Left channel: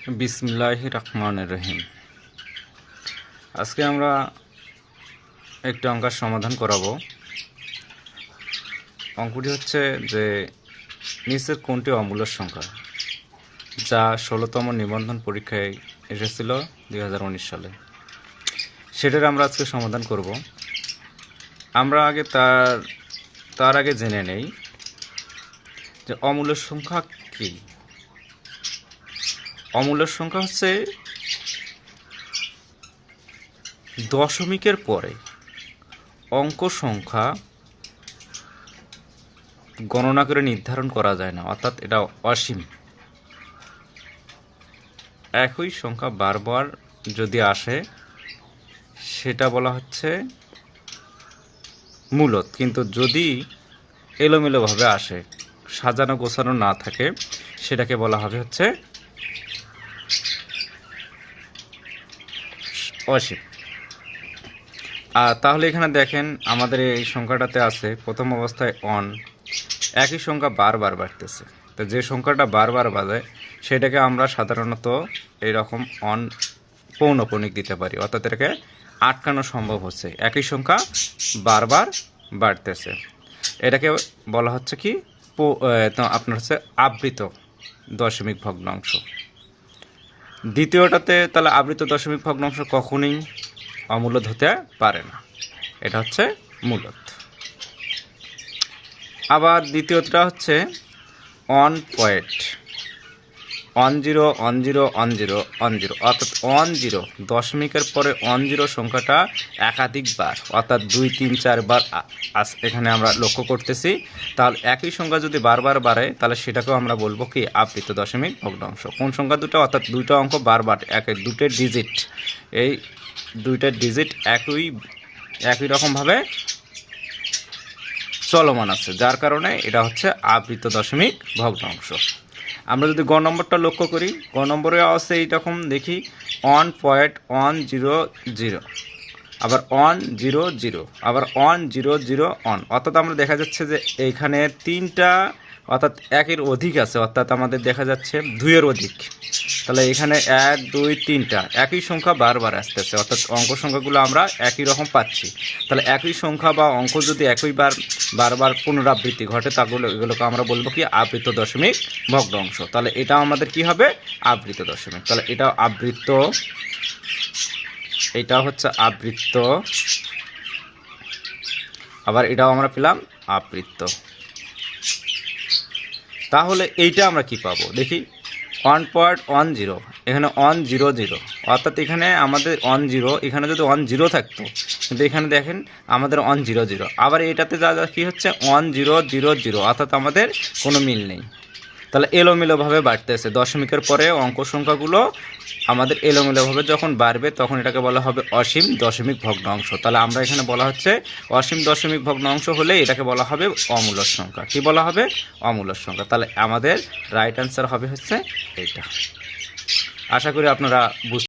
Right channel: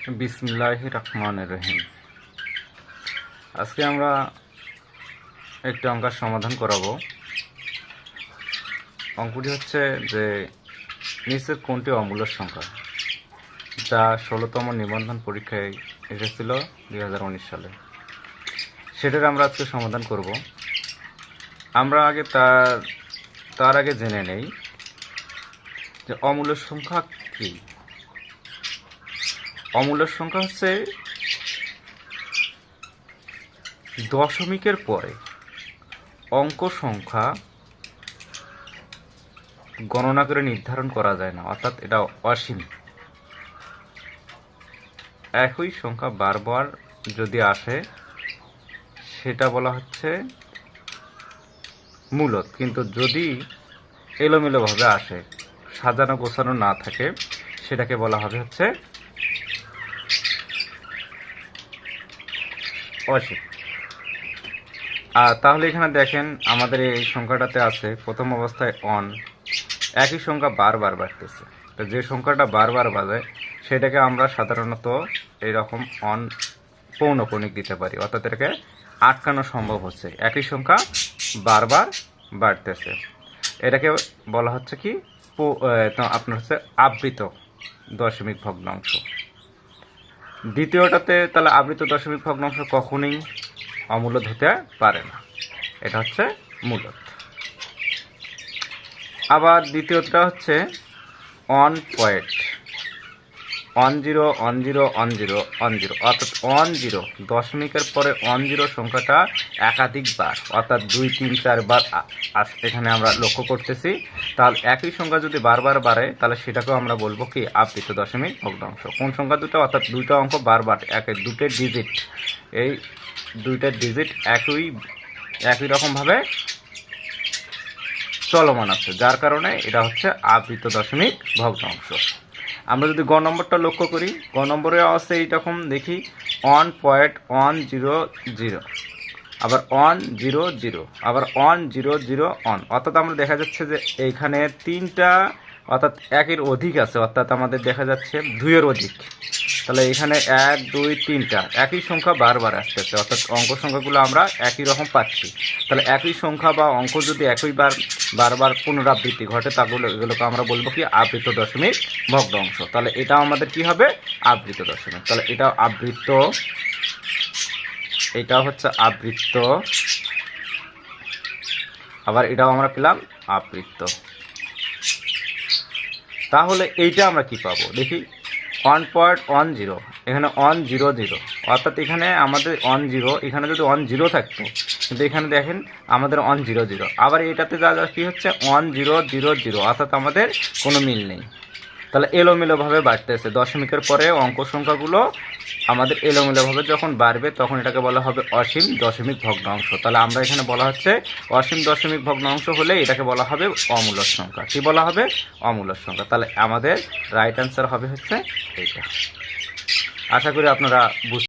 বিসমিল্লাহির রহমানির রহিম। আজকে আমরা একটি অঙ্কের সমাধান করাবো। অঙ্কটি হচ্ছে যে নিচের কোনটি অমূল্যের সংখ্যা, যা 16তম নিবন্ধন পরীক্ষায় এসেছিল 2019 সালে, সেটার আমরা আজকে সমাধান করব। আমরা আগে তার আগে জেনে নেই যে অমূল্যের সংখ্যা কি। অমূল্যের সংখ্যা হচ্ছে দশমিকের পরে অঙ্ক সংখ্যা গণনা করে নির্ধারণ করা যায় না, অর্থাৎ এটা অসীম। একই সংখ্যা বারবার যদি আসে সেটা বলা হচ্ছে মূলত, কিন্তু যদি এলোমেলোভাবে আসে, সাজানো গোছানো না থাকে, সেটাকে বলা হবে হচ্ছে অসীম। তাহলে এখানে দেখেন আমাদের এই সংখ্যাটাতে আছে প্রথম অবস্থায় অন, একই সংখ্যা বারবার বাড়তেছে। তো যে সংখ্যাটা বারবার বাজে সেটাকে আমরা সাধারণত এইরকম অন পৌনঃপুনিক দিতে পারি, অর্থাৎ এটাকে আটকানো সম্ভব হচ্ছে। একই সংখ্যা বারবার বাড়তেছে, এটাকে বলা হচ্ছে কি আপনার হচ্ছে আবৃত দশমিক ভগ্নাংশ। দ্বিতীয়টাতে তাহলে আবৃত দশমিক ভগ্নাংশ কখনোই অমূলদ হতে পারে না, এটা হচ্ছে মূলদ। আবার দ্বিতীয়টা হচ্ছে on point, on zero on zero on zero on zero, অর্থাৎ অন জিরো দশমিকের পরে অন জিরো সংখ্যাটা একাধিকবার, অর্থাৎ 2, 3, 4 বার এখানে আমরা লক্ষ্য করতেছি। তাহলে একই সংখ্যা যদি বারবার বাড়ে তাহলে সেটাকেও আমরা বলবো কি আবৃত দশমিক ভগ্নাংশ। কোন সংখ্যা দুটো? অর্থাৎ দুটো অঙ্ক বারবার দুটো ডিজিট, এই দুইটা ডিজিট একই রকমভাবে চলমান আছে, যার কারণে এটা হচ্ছে আবৃত দশমিক ভগ্নাংশ। আমরা যদি গ নম্বরটা লক্ষ্য করি, গ নম্বরে আছে এইরকম দেখি 1.100, আবার 100, আবার 100 অন, অর্থাৎ আমরা দেখা যাচ্ছে যে এইখানে তিনটা, অর্থাৎ একের অধিক আছে, অর্থাৎ আমাদের দেখা যাচ্ছে 2-এর অধিক। তাহলে এখানে 1, 2, 3টা একই সংখ্যা বারবার আসতেছে, অর্থাৎ অঙ্ক সংখ্যাগুলো আমরা একই রকম পাচ্ছি। তাহলে একই সংখ্যা বা অঙ্ক যদি বারবার পুনরাবৃত্তি ঘটে, এগুলোকে আমরা বলবো কি আবৃত দশমিক ভগ্নাংশ। তাহলে এটা আমাদের কি হবে? আবৃত দশমিক। তাহলে এটা আবৃত, এটা হচ্ছে আবৃত্ত, আবার এটাও আমরা পেলাম আবৃত্ত। তাহলে এইটা আমরা কি পাবো দেখি, 1.10, এখানে 100, অর্থাৎ এখানে আমাদের 10, এখানে যদি 10 থাকতো, কিন্তু এখানে দেখেন আমাদের 100। আবার এটাতে যা কি হচ্ছে 1000, অর্থাৎ আমাদের কোনো মিল নেই। তাহলে এলোমেলোভাবে বাড়তেছে, দশমিকের পরে অঙ্ক সংখ্যাগুলো আমাদের এলোমেলোভাবে যখন বাড়বে তখন এটাকে বলা হবে অসীম দশমিক ভগ্নাংশ। তাহলে আমরা এখানে বলা হচ্ছে অসীম দশমিক ভগ্নাংশ হলে এটাকে বলা হবে অমূলক সংখ্যা। কি বলা হবে? অমূলক সংখ্যা। তাহলে আমাদের রাইট অ্যান্সার হবে হচ্ছে এইটা। আশা করি আপনারা বুঝতে